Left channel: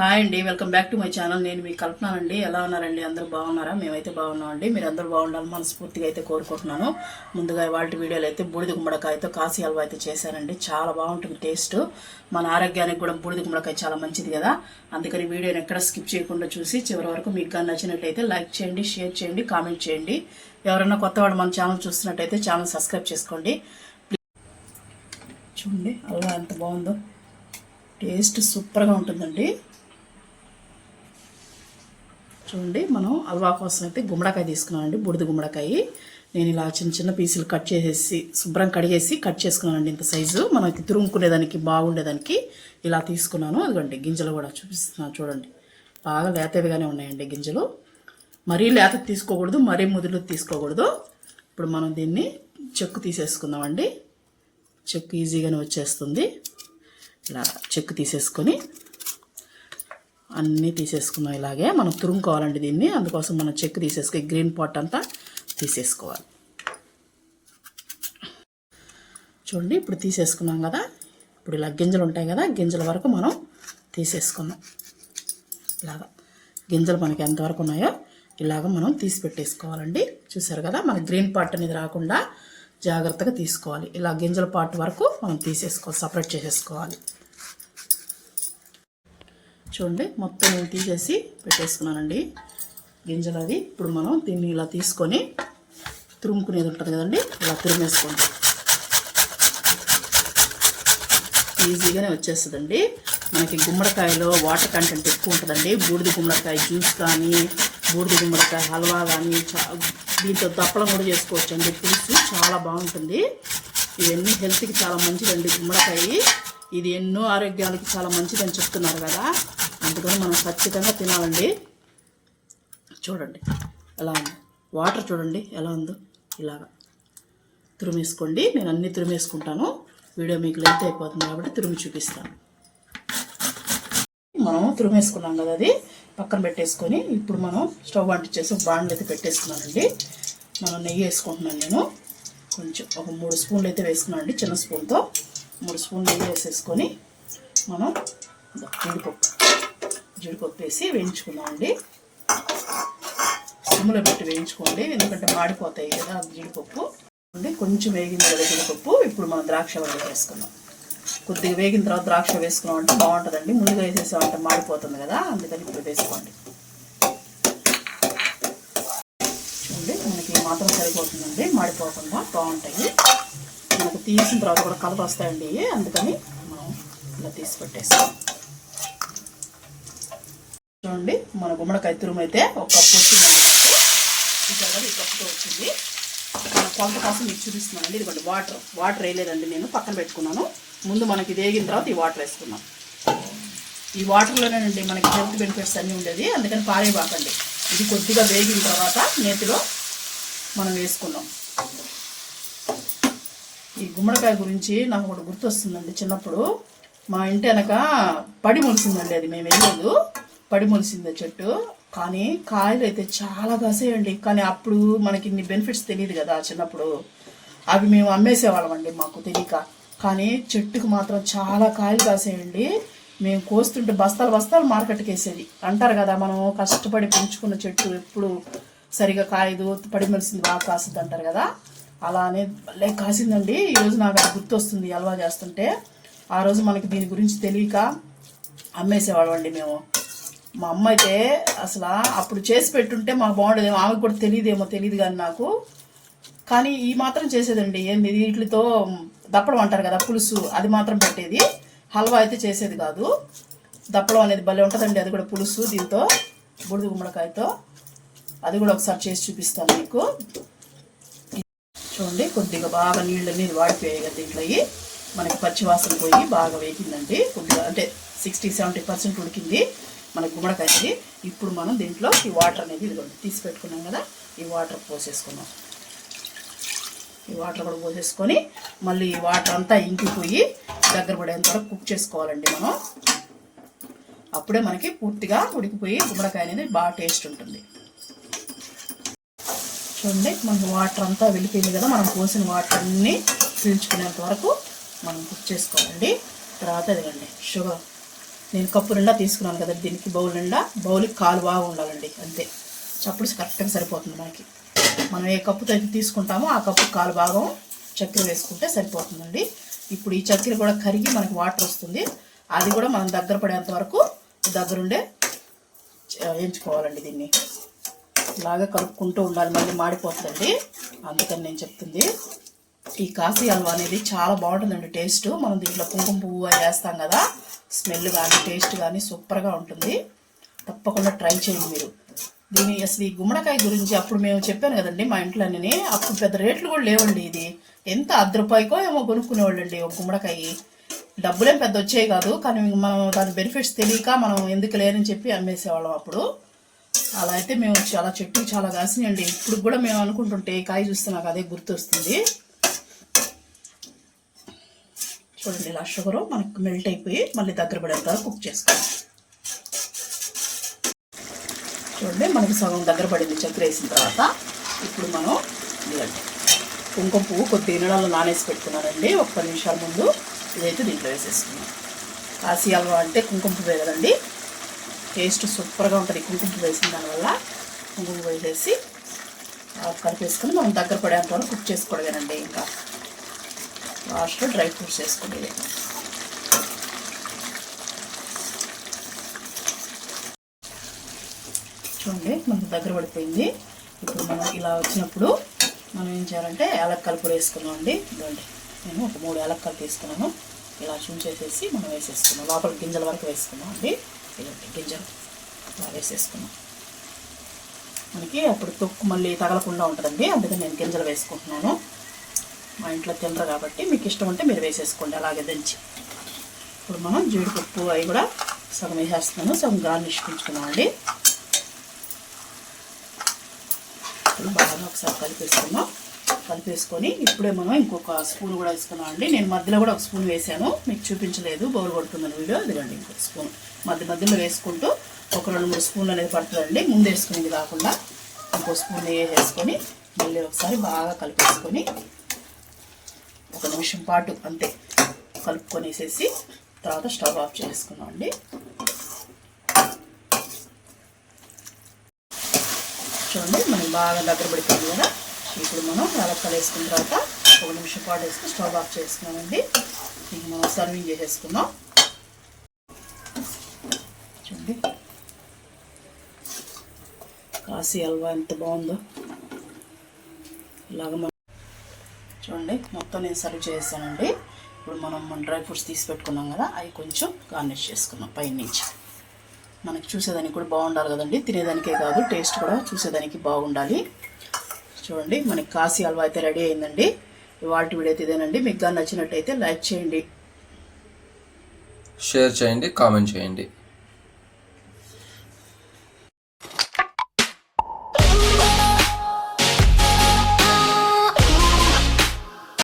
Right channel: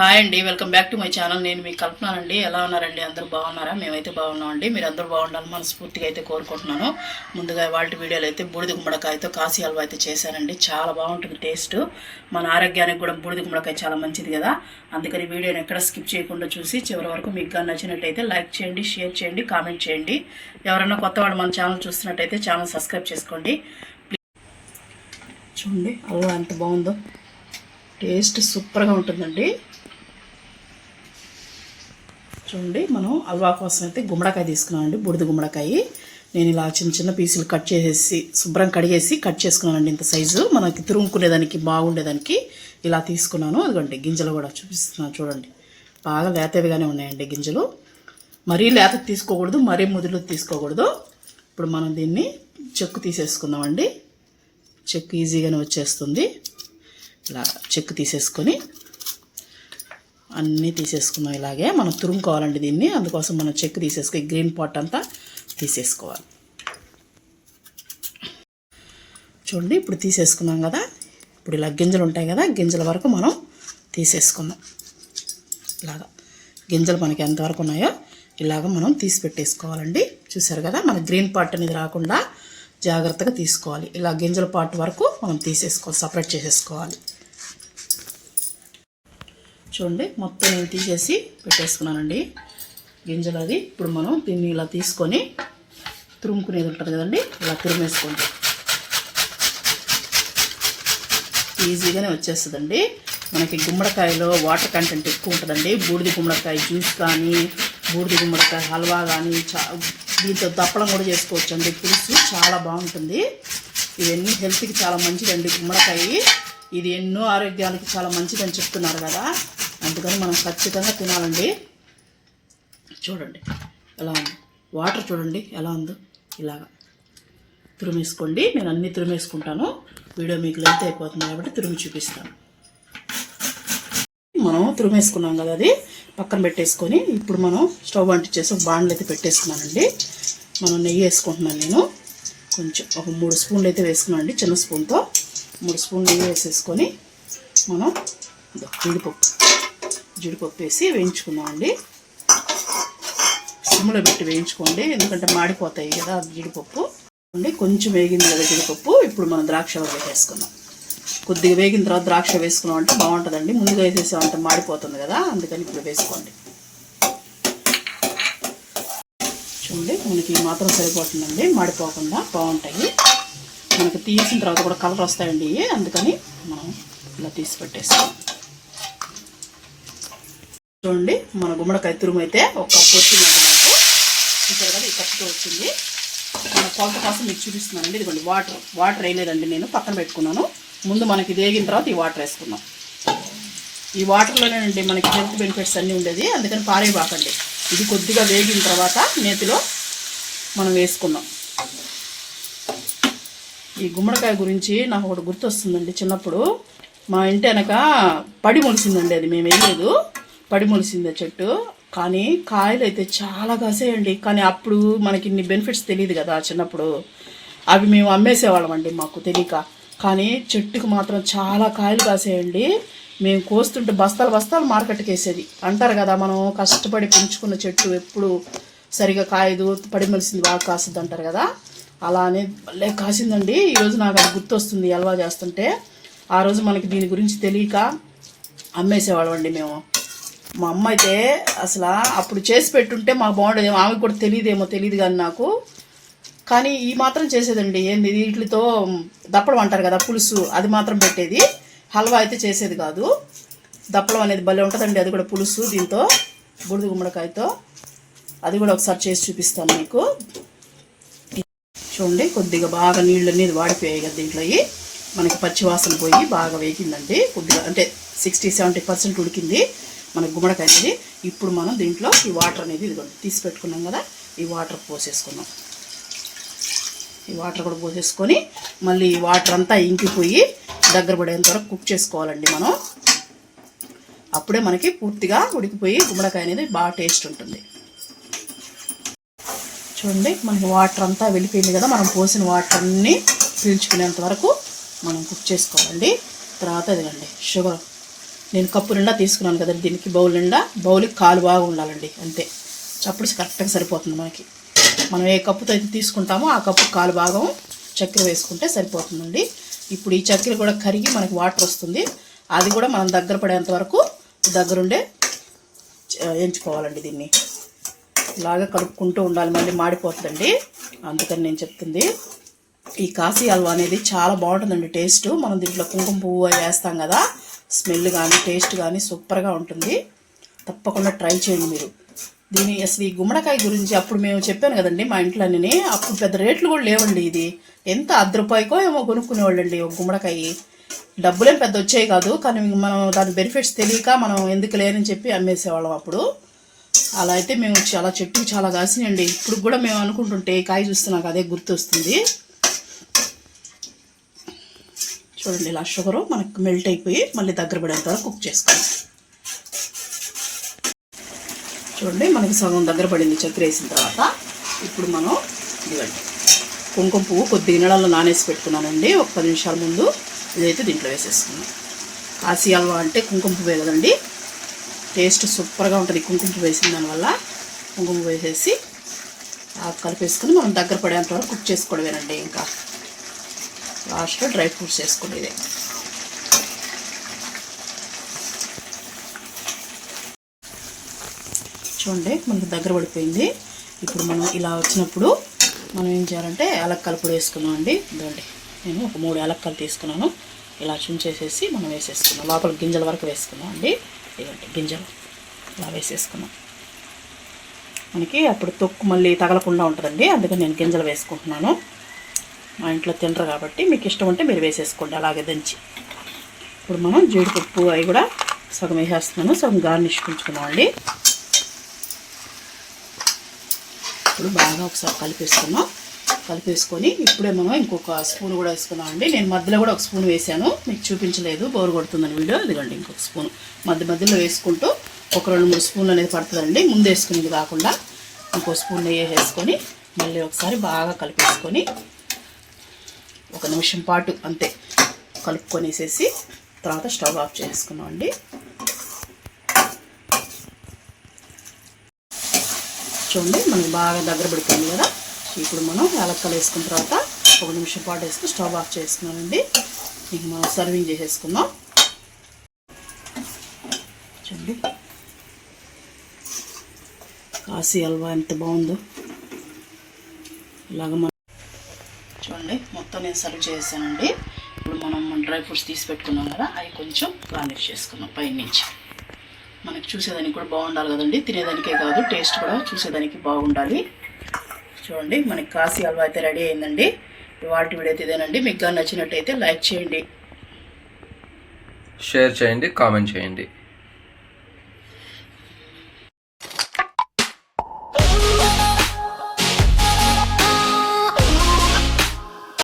Hi అండి, welcome back to my channel. నేను మీకు కల్పనానండి. ఎలా ఉన్నారండి? అందరూ బాగున్నారా? మేమైతే బాగున్నామండి. మీరు అందరూ బాగుండాలి మనస్ఫూర్తిగా అయితే కోరుకుంటున్నాను. ముందుగా వాటి వీడియోలు అయితే బూడిద గుమ్మడికాయతో కాశీ హల్వా అయితే చేశానండి. చాలా బాగుంటుంది టేస్ట్. మన ఆరోగ్యానికి కూడా బూడిద గుమ్మడికాయ చాలా మంచిది కదా. అందుకని వీడియోని ఎక్కడ స్కిప్ చేయకుండా చూసి చివరి వరకు మీకు నచ్చినట్టయితే లైక్ చేయండి, షేర్ చేయండి, కామెంట్ చేయండి. ఎవరైనా కొత్త వాళ్ళు మన ఛానల్ చూస్తున్నట్టయితే ఛానల్ సబ్స్క్రైబ్ చేసుకోండి. చూడండి హల్వా ఎంత బాగుందో. టేస్ట్ సూపర్గా ఉంటుందండి. చూడండి, మనం హల్వా కోసం అయితే గుమ్మడికాయ తీసుకున్నామండి. బూడిద గుమ్మడికాయ నేను ఇలా చిన్న చిన్న పీసులు కట్ చేసేసి శుభ్రం కడిగేసి కట్ చేసుకున్నానండి. ఇంత సైజు మనకి తురుముకునేదానికి బాగుండేదానికి ఇలా తీసుకున్నాను. అదిగోండి గింజలు కూడా చూపిస్తున్నాను చూడండి. బాగా లేతవిగానే ఉన్నాయండి గింజలు. మరీ లేత తీసుకోకూడదు, మరీ ముదులు తీసుకోకూడదు. ఇప్పుడు మనం దీన్ని చెక్కు తీసేసుకుందామండి. చెక్కు ఈజీగానే వచ్చేస్తుంది. ఇలా చెక్కు తీసేసుకొని అన్నీ తీసేసుకున్నాం. ఇలాగే మనం తురుముకోవాలండి దీన్ని. అందుకోసం మనం చెక్కు తీసేసుకొని గ్రీన్ పార్ట్ అంతా తీసేసుకోవాలి. చూడండి, ఇప్పుడు తీసేసుకున్నాం కదా. ఇప్పుడు ఇలా గింజలు ఉంటాయి కదా, గింజల వరకు మనం తీసేసుకున్నాం. ఇలాగా గింజలు మనకి ఎంతవరకు ఉన్నాయో ఇలాగ మనం తీసి పెట్టేసుకోవాలండి. చూసారు కదా, మన గ్రీన్ పార్ట్ అనేది రాకుండా జాగ్రత్తగా తీసుకోవాలి. ఇలా గింజల పార్ట్ వరకు మనం తీసేసుకోవాలి, సపరేట్ చేసేసుకోవాలి. చూడండి, మొత్తం నేను తీసేసి పెట్టేసుకున్నానండి గింజలు. అది ఇప్పుడు మనం దీన్ని ఇలా తీసుకొని తురుముకునేది ఉంటుంది కదండి, ఇలా తురిమేసుకోండి. ఈజీగానే వచ్చేస్తుందండి. మనకి గుమ్మడికాయలో వాటర్ కంటెంట్ ఎక్కువ ఉంటుందండి. బూడిద గుమ్మడికాయ జ్యూస్ కానీ, బూడిద గుమ్మడికాయ హల్వా కానీ, దీంతో దప్పడం కూడా చేసుకోవచ్చండి. పులుసు చాలా బాగుంటుంది. ఇవన్నీ హెల్త్కి చాలా మంచిదండి గుమ్మడికాయ. ఇది ఎన్నో ఆరోగ్యానికి చాలా మంచిదని చెప్తున్నారు కదా, అందుకని మనం ఖచ్చితంగా తినాలండి. చూడండి ఎలా ఉంది, వాటర్ చూడండి ఎలా ఉందో. ఇలాగా తురిమేసుకోండి. నేను అన్నీ తురిమేసుకుంటాను. వీడియో మీకు లెంత్ అయిపోతుంది కాబట్టి తురిమి చూపిస్తాను. మనం తురిమేసుకున్నాం కదా, అది పక్కన పెట్టేసుకొని ఇప్పుడు మనం స్టవ్ అంటించేసి బాండ్లు అయితే పెట్టేసుకున్నానండి. మనం నెయ్యి వేసుకుంటున్నాను. నేను కొంచెం ఒక 3 స్పూన్లు అయితే వేసుకున్నాను అండి. చిన్న స్పూన్తో 3 స్పూన్లు నెయ్యి వేసేసుకొని మనం జీడిపప్పు వేసి వేయించుకుందామండి. సిమ్లో పెట్టి వేయించుకోండి, ఎందుకంటే మాడిపోతాయి కదా జీడిపప్పు. కొంచెం వేగింది కదా జీడిపప్పు. ఇప్పుడు మనం ద్రాక్ష వేసుకుందాం. కొద్దిగా వేగిన తర్వాత ద్రాక్ష వేసుకున్నాం అంటే బాగుంటుందండి. ముందుగా వేసేసామంటే మాడిపోతుంది కదా, అందుకని ఇప్పుడు వేసుకోండి. చూడండి, మనకి మాత్రం సరిపోతుందండి, మాడిపోకుండా బాగుంటాయి. మనకి తీసిన తర్వాత కూడా కలర్ వస్తాయండి, అందుకని మనం ఇలా తీసి పెట్టేస్తాం. చూడండి, మన గుమ్మడికాయ తురుము అయితే ఒక కప్పు వచ్చింది నాకు. చూసారు కదా, ఈ కప్పుతో వచ్చింది. కొంత కోసం మీకు చూపిస్తున్నానండి. ఇదిగోండి వాటర్ వేయలేదండి, నేను పక్కన పెట్టుకున్నాను. ముందు మనకి వేగిన తర్వాత ఈ వాటర్ వేసుకున్నాం. ఈ వాటర్లోనేనండి మనకి హెల్త్ బెనిఫిట్స్ అన్నీ ఉండేది, అందుకని పారేయబాకండి. ఇది కొద్దిగా వేగిన తర్వాత నేతిలో మనం వేసుకుందాం. ఈ గుమ్మడికాయ గురించి నాకు ఒకటి గుర్తొస్తుందండి. చిన్నప్పుడు మా ఇంటి వెనక పడి మొలిసిందండి. అది మేము వేయలేదు, పడి మొలిసింది చెట్టు. కానీ కాయలు అయితే చాలా కాసేయండి. కానీ అప్పుడు మనకి ఇన్ని బెనిఫిట్స్ తెలియదు కదా చిన్నప్పుడు. అవి మేము అమ్మేసేవాళ్ళం అండి, మాకు తెలియక. కానీ చెట్టుకు మాత్రం చాలా కాయలు కాసేయండి. మేము కోస్తుంటే బస్తాలు మార్కెట్కి వేసేది. అంటారు కదా, మనం కష్టపడి పెంచుకున్న చెట్టు ఎప్పుడు సరిగా కాయదు, పడి మొలిసింది బాగా కాస్తుంది అంటారు కదా. అలానే భలే కాసిందండి. ఈరోజు నాకు అది గుర్తొస్తుంది హల్వా చేస్తుంటే. ఆ రోజు మనకి దీని గురించి తెలియక అమ్మేసేవాళ్ళం అండి మేము. మా అమ్మ అయితే అసలు అప్పుడు చేసి పెట్టుంటే మాకు బాగుండేదేమో. ఆమె కూడా తెలియదు కానీ నాకు. కానీ ఈ మాత్రం చేసేదండి. ఏంది వీటితో దప్పడం అంటారు కదా, పులుసు, అది మాత్రం పెట్టేది. హల్వా అయితే చేసేది కాదు. దప్పడం అనేది భలే ఉంటుందండి. అది కూడా పులుసు దీంతో, బూడిద గుమ్మడికాయతో. అది కూడా ఒకసారి చేసి చూపిస్తాను మీకు. చూడండి, కొద్దిగా బాగా నీళ్ళు వాడిపోయాయి కదా దీంట్లో. మనకి పచ్చివాసన పోయి బాగా వేగిందండి. కొద్దిగా అంటే 60-70% ఉడికింది మన గుమ్మడికాయ. ఇప్పుడు మనం దీంట్లో ఈ వాటర్ అనేది ఇదిగోండి తీసి పెట్టుకున్నాం కదా, ఈ వాటర్ పోసేసుకున్నాం. ఈ వాటర్ కూడా పోసేసుకొని మళ్ళీ ఈ వాటర్ అంతా ఇంకిపోయి దగ్గర పడేంత వరకు కుక్ చేసుకోవాలండి మనం. అప్పుడే మనకి పూర్తిగా ఉడికిపోయి గుమ్మడికాయ అనేది బాగా టేస్ట్ ఉంటుంది. చూడండి, మనకి వాటర్ అంతా వెళ్ళిపోయింది కదా. మనం పోసిన వాటర్ అన్నీ పీల్చుకునేంత వరకు మనం కుక్ చేసుకోవాలండి. తర్వాత ఇదిగండి నేను కప్పు నిండా తీసుకున్నాను కదండి దీనికి, బౌల్ నిండా. బౌల్కి కాలు బాగా ఉండాలండి, అంతే. చప్పుడు కరెక్ట్గా సరిపోతుంది మనకి. మనం ఏ కప్పుతో అయితే తీసుకుంటామో ఆ కప్పు కాలు భాగం చక్కెర వేసుకుంటే సరిపోతుందండి. ఇప్పుడు ఈ చక్కెర కూడా కరిగి మనకి వాటర్ వస్తుంది. అది కూడా మనం దగ్గర పడేంత వరకు దగ్గరుండే ఎంచుకోవాలండి. దీన్ని ఇలాగా కలుపుకుంటూ ఉండాలి, మళ్ళీ మాడిపోతుందండి. అందుకని నేను చెప్తుంది. ఈ కాశీ హల్వా అనేది చాలా బాగుంటుందండి టేస్ట్. మనం దీంట్లో కుంకుమ పువ్వు వేస్తాం కదా, స్మెల్ కానీ టేస్ట్ కానీ సూపర్గా ఉంటుంది. తప్పకుండా ట్రై చేయండి మీరు. దీని అసలు ఈ గుమ్మడికాయ గురించి అప్పుడు మేము చెప్పాను కదండి మా ఇంట్లోనే. అప్పుడు పెద్ద రేట్లు కూడా లేవండి. ఇది ఎంత ₹10 ఏమో కొనుక్కునేవాళ్ళండి ఒక గుమ్మడికాయ. డబ్బులేం పెద్ద వచ్చాయి కాదు, కానీ మనం దాని బెనిఫిట్స్ తెలియక మనం ఎందుకు లేదని చెప్పి అమ్మేసేవాళ్ళం అప్పుడు. అలా అయితే మేము చాలా చెట్టు చాలా కాసినాయండి. ఇప్పుడు కూడా మేము అనుకుంటుంటే ఈ కాయ చూస్తే నాకు అదే గుర్తు వస్తుంది. చూడండి, ఇలా షుగరు మనకు మెల్ట్ అయిపోయి మళ్ళీ దగ్గర పడేంత వరకు కుక్ చేసుకోవాలి. చూడండి, మనకి సగం దగ్గర పడింది చక్కెర వేసిన తర్వాత. ఇప్పుడు మనం ఇదిగండి కుంకుమ పువ్వు కొద్ది నీళ్ళలో నానేసి పెట్టుకున్నానండి ఒక 10 నిమిషాల ముందు. ఇదైతే దీంట్లో వేసేసుకున్నాం. కాశీ హల్వా అంటే కుంకుమ పువ్వే కదండి, టేస్ట్ సూపర్గా ఉంటుంది కుంకుమ పువ్వు వేసిన దానివల్ల. కుంకుమ పువ్వు వేసేసి కలిపేసుకుని మనం దగ్గర పడేంత వరకు కుక్ చేసుకోవడమేనండి. ఇంకా లాస్ట్లో డ్రై ఫ్రూట్స్ వేసుకునేది. చూడండి, మనకి దగ్గర పడిపోయింది. ఇప్పుడు మనం ఇలా వచ్చినప్పుడు మనం ఏం చేయాలంటే యాలక్కలు కూడా వేసుకున్నాం అండి. ఇదండి, నేను ఒక 3 యాలక్కలు తీసుకున్నాను. ఇలా చుంచేసేసి మనం వేసేసుకున్నాం. లోపల గింజల వరకు వేసుకున్నాం అండి. ఇదండి గింజలు ఇలా వేసేసుకున్నాం. మనకి అప్పుడు తొక్కు మళ్ళీ తగలకుండా ఉంటుందండి, అందుకని నేను గింజలు వేసుకుంటున్నాను. మా ఇంట్లో తినరు కాబట్టి మీకు ఇష్టం ఉంటే మీరు వేసేసుకోండి అలాగే దంచి. ఇప్పుడు మనం జీడిపప్పు అవి కూడా సగం వేసేస్తున్నాను, సగం గార్నిష్ ఉంచుకున్నామండి. ఇప్పుడు బాగా ఒకసారి కలిపేసుకొని ఇప్పుడే మనం ఇంకొక స్పూన్ కూడా వేసుకున్నామండి. నేను మధ్యలో కూడా ఒక స్పూన్ వేసాను, మీకు చూపించలేదు, బోరు కొడుతుందని వీడియో. ఇదిగండి ఇంకొక స్పూన్ మధ్యలో వేసుకుంటూ ఒక 2-3 స్పూన్లు అనేది పడుతుందండి. ముందు వేసుకునేది కాకుండా ఇంకో స్పూన్ నెయ్యి వేసుకొని మళ్ళీ ఒకసారి బాగా కలిపేసుకొని 1 నిమిషం పాటు అంతే కలుపుకొనేసేసి తర్వాత స్టవ్ ఆఫ్ చేసుకున్నాం అండి. చూడండి, మనం బాగా దగ్గర పడిపోయింది కదా. ఇప్పుడు మనం యాలక్కలు వేసుకున్న తర్వాత 1 నిమిషం పాటు వేసుకుని స్టవ్ ఆఫ్ చేసుకున్నామండి. ఇంక మనం సర్వింగ్ చేసేసుకుందాం. చూడండి, కాశీ హల్వా ఎంత బాగుందో. ఇలాగ చూడండి, మొత్తం నేను సర్వ్ చేసానండి. ఇప్పుడు మనం డ్రై ఫ్రూట్స్ తీసి పెట్టుకున్నాం కదా, అవి కొంచెం గార్నిష్ చేసుకున్నాం పైనుంచి. మనకి చూసేదానికి కూడా బాగుండాలి కదండి, తినేదానికే కాదు టేస్ట్ కూడా చూసేదానికి బాగుండాలి. చూడండి, మనకి కాశీ హల్వా అయితే రెడీ అయిందండి. వాటి వీడియో అయితే ఇదేనండి. మీకు కానీ నచ్చినట్టయితే లైక్ చేయండి, షేర్ చేయండి, కామెంట్ చేయండి.